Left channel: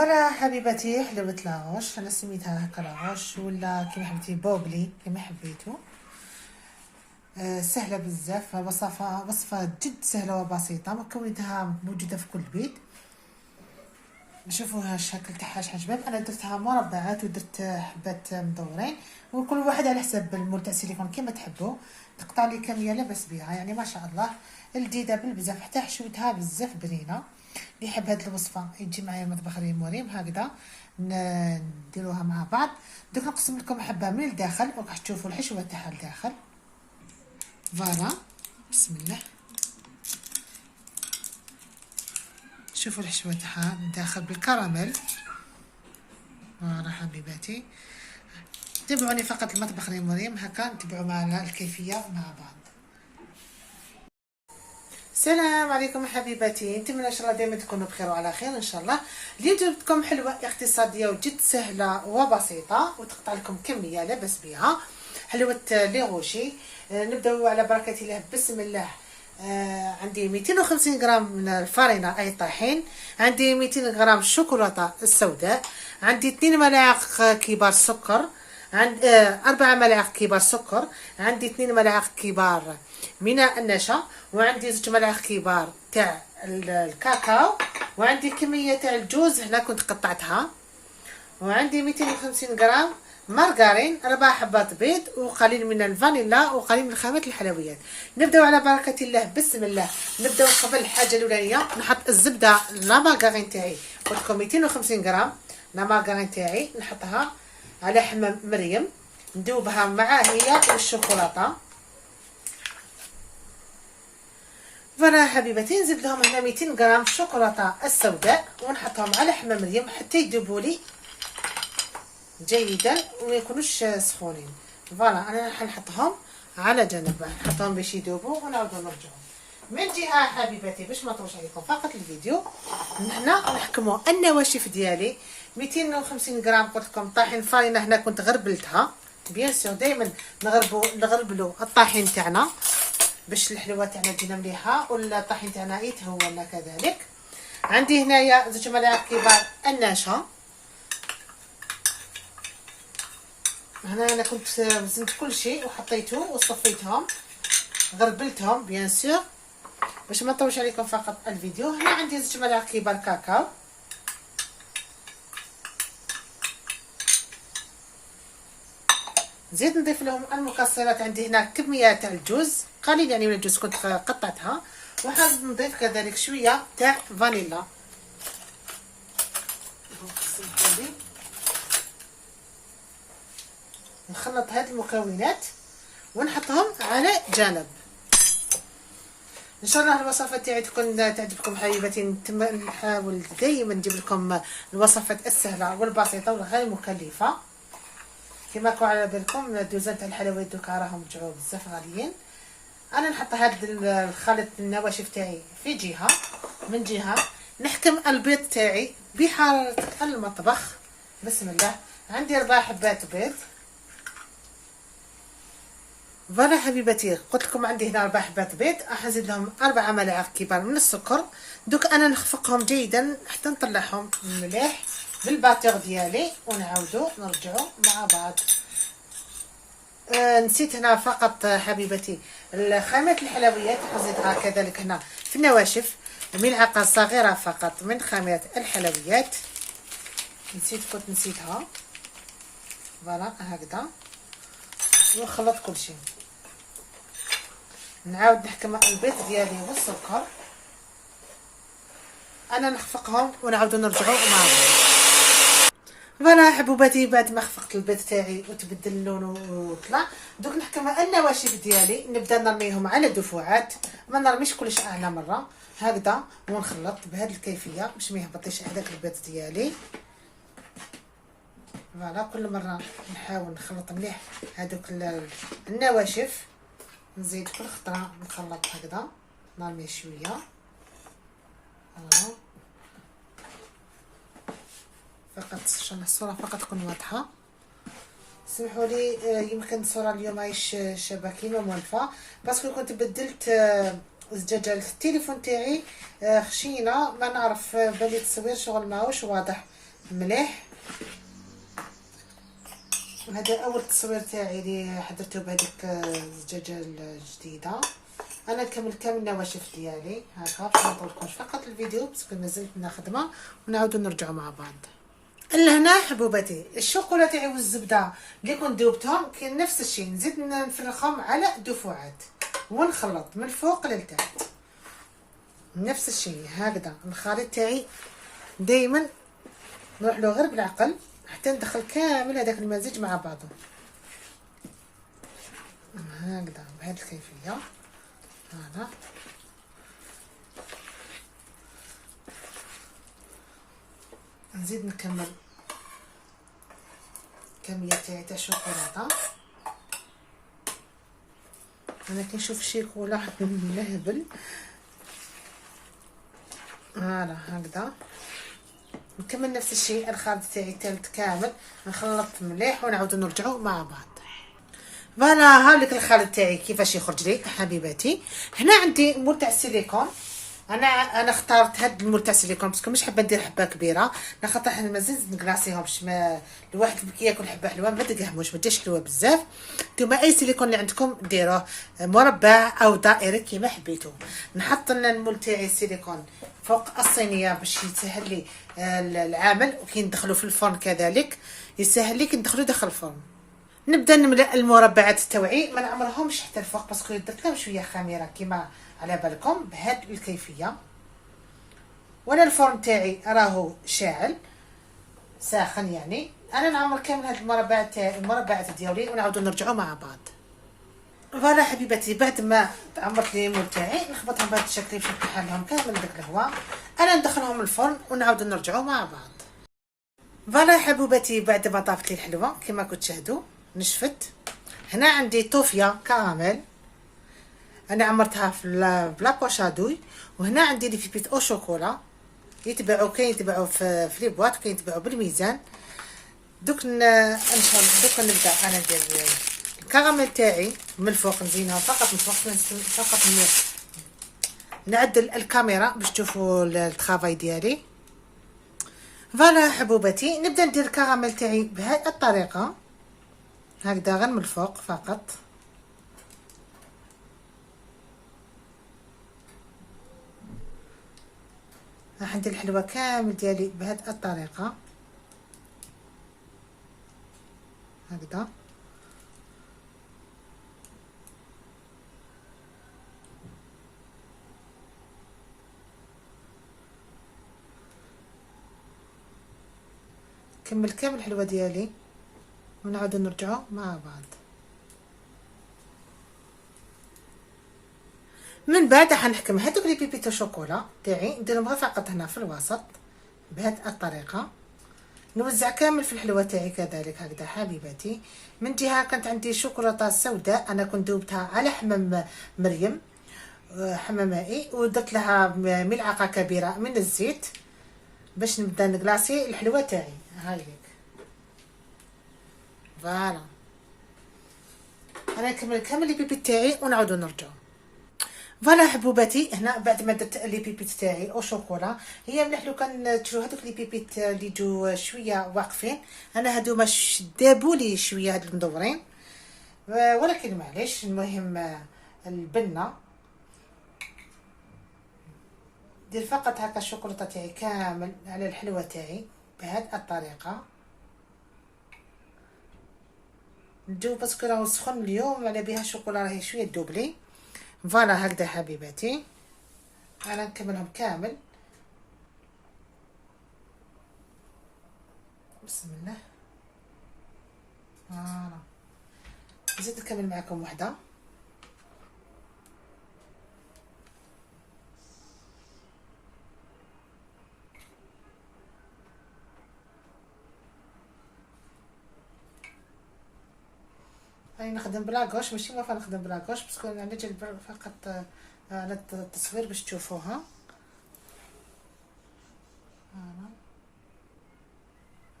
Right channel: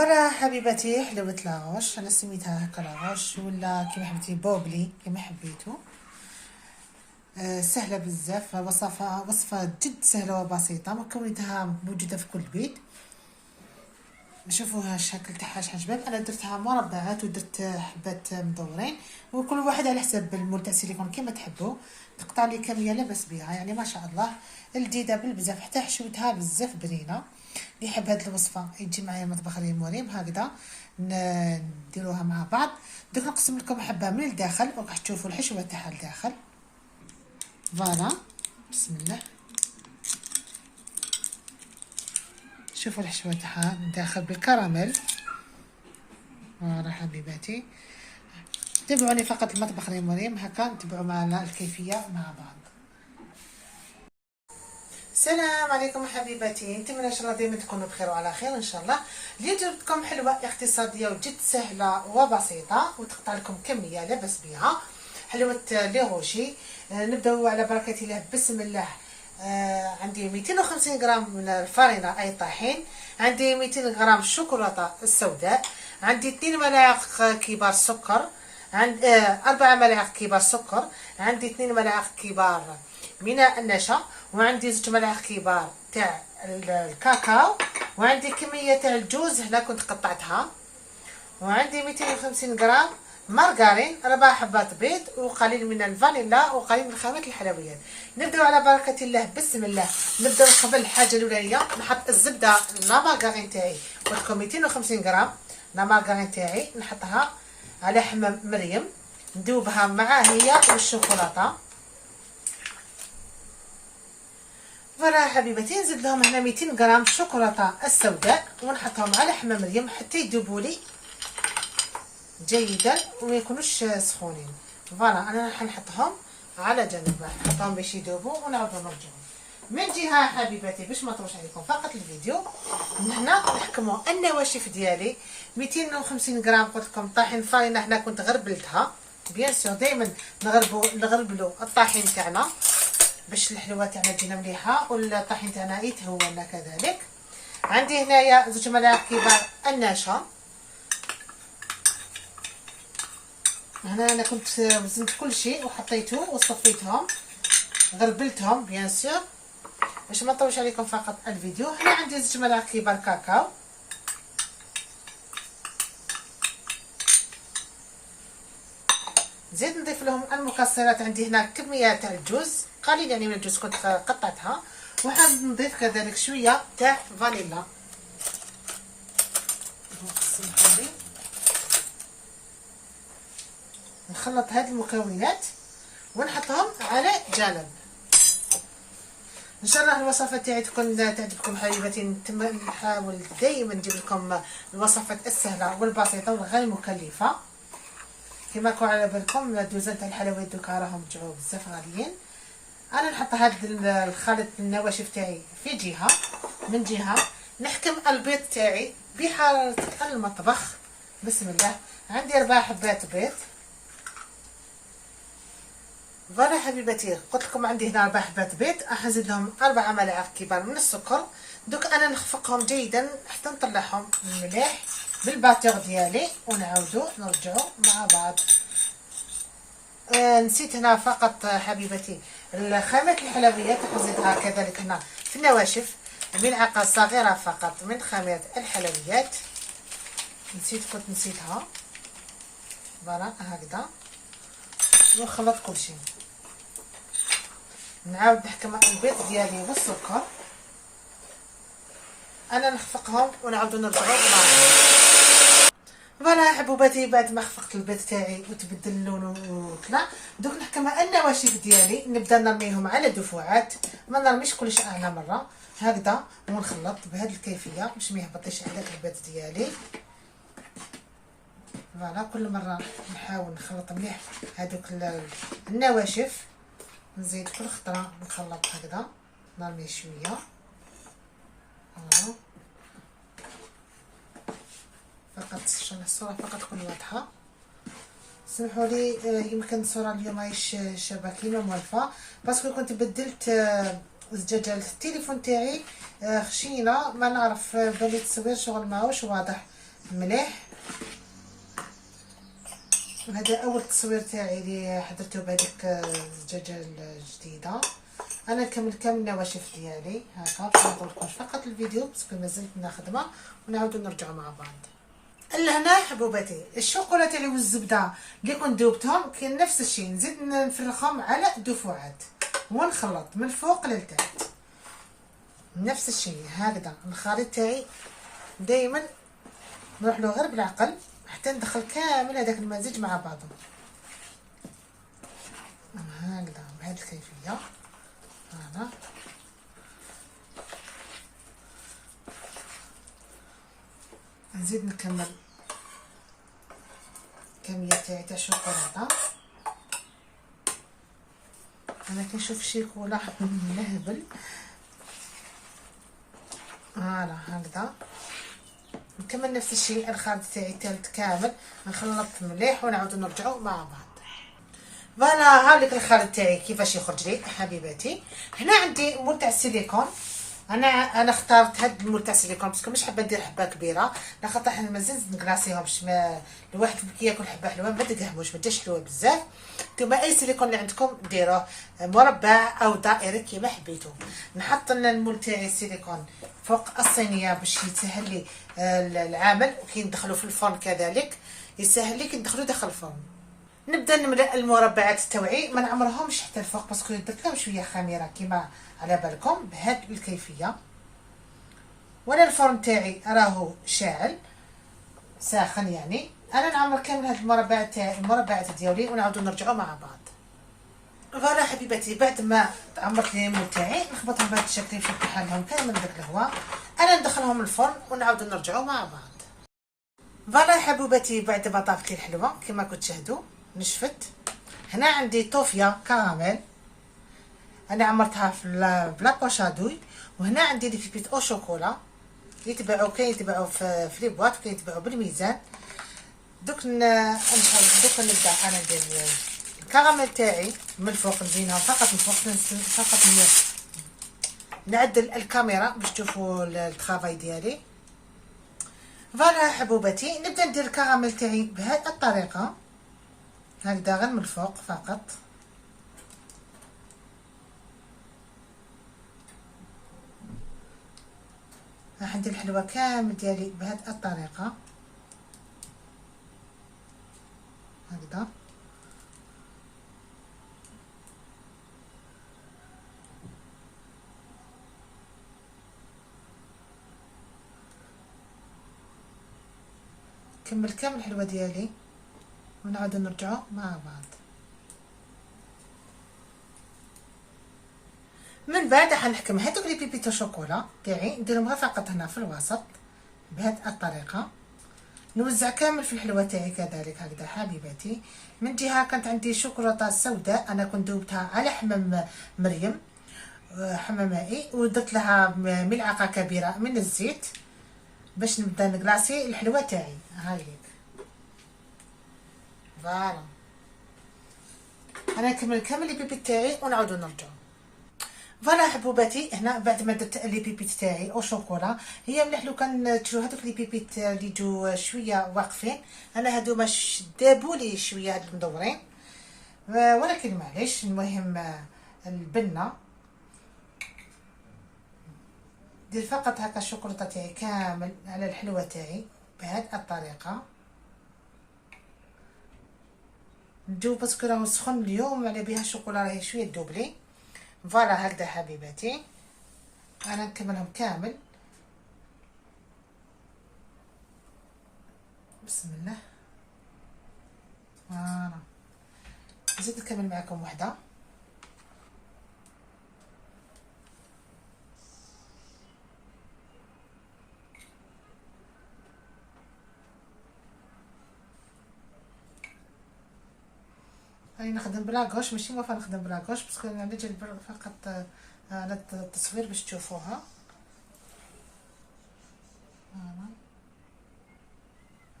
فوالا حبيبتي، حلوة لاغوش. انا سميتها هكا لاغوش ولا كيما حبيتي بوبلي كيما حبيتو. سهله بزاف، وصفه جد سهله وبسيطه، مكوناتها موجوده في كل بيت. نشوفوها الشكل تاعها شحال شباب. انا درتها مربعات ودرت حبات مدورين، وكل واحد على حسب المول تاع السيليكون كيما تحبوا. تقطع لي كميه لاباس بها، يعني ما شاء الله لذيذه بالبزاف، حتى حشوتها بزاف بنينه. اللي يحب هاد الوصفه يجي معايا المطبخ ريم وريم هكذا نديروها مع بعض. دوك نقسم لكم حبه من الداخل وراح تشوفوا الحشوه تاعها الداخل. فوالا بسم الله، شوفوا الحشوه تاعها الداخل بالكراميل. فوالا حبيباتي، تابعوني فقط المطبخ ريم وريم هكا نتبعوا معنا الكيفيه مع بعض. السلام عليكم حبيباتي، نتمنى ان شاء الله دائما تكونوا بخير وعلى خير ان شاء الله. اليوم جبت لكم حلوه اقتصاديه وجد سهله وبسيطه وتقطع لكم كميه لا باس بها. حلوه لي غوشي. نبداو على بركه الله بسم الله. عندي 250 غرام من الفارينه اي طحين، عندي 200 غرام الشوكولاته السوداء، عندي 2 ملاعق كبار سكر، عند 4 ملاعق كبار سكر، عندي 2 ملاعق كبار من النشا، وعندي 2 ملاعق كبار تاع الكاكاو، وعندي كميه تاع الجوز هنا كنت قطعتها، وعندي 250 غرام مارغرين، 4 حبات بيض، وقليل من الفانيلا، وقليل من خامات الحلويات. نبداو على بركه الله بسم الله. نبداو قبل الحاجه الاولانيه نحط الزبده لا مارغرين تاعي، قلت لكم 250 غرام لا مارغرين تاعي نحطها على حمام مريم، ندوبها مع هي والشوكولاته. فوالا حبيبتي، نزيد لهم هنا 200 غرام شوكولاته السوداء ونحطهم على حمام مريم حتى يذوبوا لي جيدا وما يكونوش سخونين. فوالا انا راح نحطهم على جنب، نحطهم باش يذوبوا ونعاودوا نرجعوا. من جهه حبيباتي باش ما نطولش عليكم فقط الفيديو، هنا نحكموا النواشف ديالي. 250 غرام قلت لكم طاحين فارينه، هنا كنت غربلتها بيان سور. دائما نغربلوا الطاحين تاعنا باش الحلوه تاعنا تجينا مليحه والطاحين تاعنا يتهون كذلك. عندي هنايا 2 ملاعق كبار النشا. هنا انا كنت وزنت كل شيء وحطيته وصفيتهم غربلتهم بيان سور باش ما نطولش عليكم فقط الفيديو. هنا عندي 2 ملاعق كبار كاكاو، نزيد نضيف لهم المكسرات. عندي هنا كميه تاع الجوز قليل يعني من الجوز كنت قطعتها، وحاب نضيف كذلك شويه تاع فانيلا. نخلط هذه المكونات ونحطهم على جانب. ان شاء الله الوصفه تاعي تكون تعجبكم حبيباتي. نحاول دائما نجيب لكم الوصفات السهله والبسيطه والغير مكلفه. كما راكم على بالكم الدوزان تاع الحلويات دوكا راهم رجعوا بزاف غاليين. انا نحط هذا الخليط النواشف تاعي في جهه، من جهه نحكم البيض تاعي بحراره المطبخ بسم الله. عندي 4 حبات بيض. فوالا حبيباتي، قلت لكم عندي هنا 4 حبات بيض، راح نزيد لهم 4 ملاعق كبار من السكر. دوك انا نخفقهم جيدا حتى نطلعهم مليح بالباتور ديالي ونعاودو نرجعو مع بعض. نسيت هنا فقط حبيبتي خامات الحلويات، نزيدها كذلك هنا في النواشف ملعقه صغيره فقط من خامات الحلويات. كنت نسيتها. فوالا هكذا ونخلط كل شيء. نعاود نحكم البيض ديالي والسكر، انا نخفقهم ونعاودو نرجعو مع بعض. فوالا حبوباتي، بعد ما خفقت البيض تاعي وتبدل لونه وطلع، دوك نحكم النواشف ديالي نبدا نرميهم على دفعات، ما نرميش كلش اعلى مره هكذا، ونخلط بهذه الكيفيه باش ما يهبطش عليك البيض ديالي. فوالا كل مره نحاول نخلط مليح هذوك النواشف. نزيد كل خطره نخلط هكذا، نرمي شويه. فوالا فقط عشان الصوره فقط تكون واضحه. سمحوا لي يمكن الصوره اليوم ماهيش شابه كيما موالفه، باسكو كنت بدلت الزجاجه التليفون تاعي خشينه، ما نعرف بالي التصوير شغل ماهوش واضح مليح. وهذا اول تصوير تاعي اللي حضرته بهذيك الدجاجه الجديده. انا نكمل كامل النواشف ديالي هكا باش نطولكمش فقط الفيديو باسكو مازلت من خدمه، ونعاودو نرجعوا مع بعض. لهنا حبوباتي الشوكولا تاعي والزبده اللي كنت ذوبتهم كاين نفس الشيء، نزيد نفرخهم على دفعات ونخلط من فوق للتحت نفس الشيء هكذا. الخليط تاعي دائما نروح له غير بالعقل حتى ندخل كامل هذاك المزيج مع بعضه هكذا بهذه الكيفيه. هذا نزيد نكمل كميه تاعي تاع الشوكولاته. انا كنشوف الشيكولا نهبل. هذا هكذا نكمل نفس الشيء. الخليط تاعي الثالث كامل نخلط مليح ونعاودو نرجعو مع بعض. فوالا هاوليك الخليط تاعي كيفاش يخرج لي حبيباتي. هنا عندي مول تاع السيليكون. انا اخترت هاد المول تاع السيليكون باسكو مش حابه ندير حبه كبيره، لخاطر حنا مازال نكلاصيهمش. ما الواحد كي ياكل حبه حلوه ما تقهموش، ما تجيش حلوه بزاف. نتوما اي سيليكون اللي عندكم ديروه مربع او دائري كيما حبيتو. نحط لنا المول تاعي السيليكون فوق الصينيه باش يسهل لي العمل، وكي ندخلو في الفرن كذلك يسهل لي كي ندخلو داخل الفرن. نبدا نملأ المربعات تاوعي، ما نعمرهمش حتى الفوق باسكو درت لهم شويه خميره كيما على بالكم بهذه الكيفيه. وانا الفرن تاعي راهو شاعل ساخن، يعني انا نعمر كامل هاد المربعات ديالي ونعاودو نرجعو مع بعض. فوالا حبيباتي بعد ما عمرت لي المول تاعي نخبطهم بهذا الشكل باش نفتح لهم كامل داك الهواء. انا ندخلهم الفرن ونعاودو نرجعو مع بعض. فوالا حبوباتي بعد ما طابت لي الحلوه كما كنت تشاهدوا نشفت. هنا عندي طوفيه كراميل انا عمرتها في لابوشادوي. وهنا عندي لي بيبيت او شوكولا يتباعوا، كاين يتباعوا في لي بواط، كاين يتباعوا بالميزان. دوك ان شاء الله دوك نبدا انا ندير الكراميل تاعي من الفوق، نزينها فقط من فوق، فقط نعدل الكاميرا باش تشوفوا الترافاي ديالي. فوالا حبوباتي نبدا ندير الكراميل تاعي بهذه الطريقه هكذا غير من الفوق فقط. راح ندير الحلوى كامل ديالي بهذه الطريقه هكذا. كمل كامل الحلوى ديالي ونعاودو نرجعو مع بعض. من بعد حنحكم هذوك لي بيبيتو شوكولا تاعي نديرهم فقط هنا في الوسط بهذه الطريقه. نوزع كامل في الحلوى تاعي كذلك هكذا حبيباتي. من جهه كانت عندي شوكولاته سوداء انا كنت ذوبتها على حمام مريم، حمام مائي، ودرت لها ملعقه كبيره من الزيت باش نبدا نكلاصي الحلوى تاعي هايك. فوالا انا نكمل كامل لي بيبيت تاعي ونعاودو نرجعو. فوالا حبوباتي هنا بعد ما درت لي بيبيت تاعي او شوكولا. هي مليح لو كان تشوفوا هذوك لي بيبيت اللي يجوا شويه واقفين، انا هادو دابوا لي شويه هاد المدورين، ولكن معليش. المهم البنه دير فقط هكا الشوكولاته تاعي كامل على الحلوه تاعي بهذه الطريقه. ندوب باسكو راهو سخون اليوم على بها الشوكولا راهي شويه تذوب لي. فوالا هكذا حبيباتي انا نكملهم كامل. بسم الله. فوالا نزيد نكمل معكم وحده. راني نخدم بلاكوش ماشي موافقه نخدم بلاكوش باسكو انا نجي فقط على التصوير باش تشوفوها.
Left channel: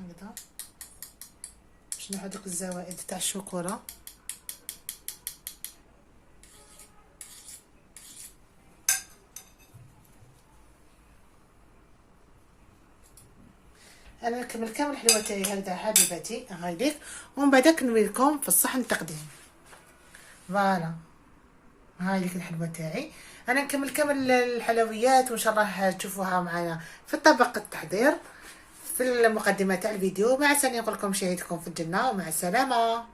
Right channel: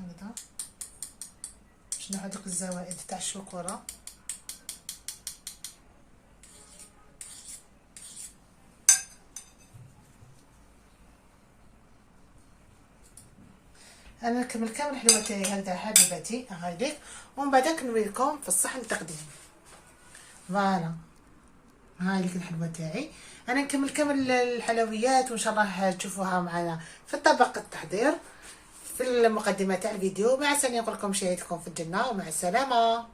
هكذا باش نحط دوك الزوائد تاع الشوكولا. انا نكمل كامل الحلوه تاعي هكذا حبيباتي هايليك، ومن بعد نوري لكم في الصحن التقديم. فوالا هايليك الحلوه تاعي. انا نكمل كامل الحلويات وان شاء الله تشوفوها معنا في الطبق التحضير في المقدمه تاع الفيديو. مع السلامه، نقول لكم شهيتكم في الجنه ومع السلامه.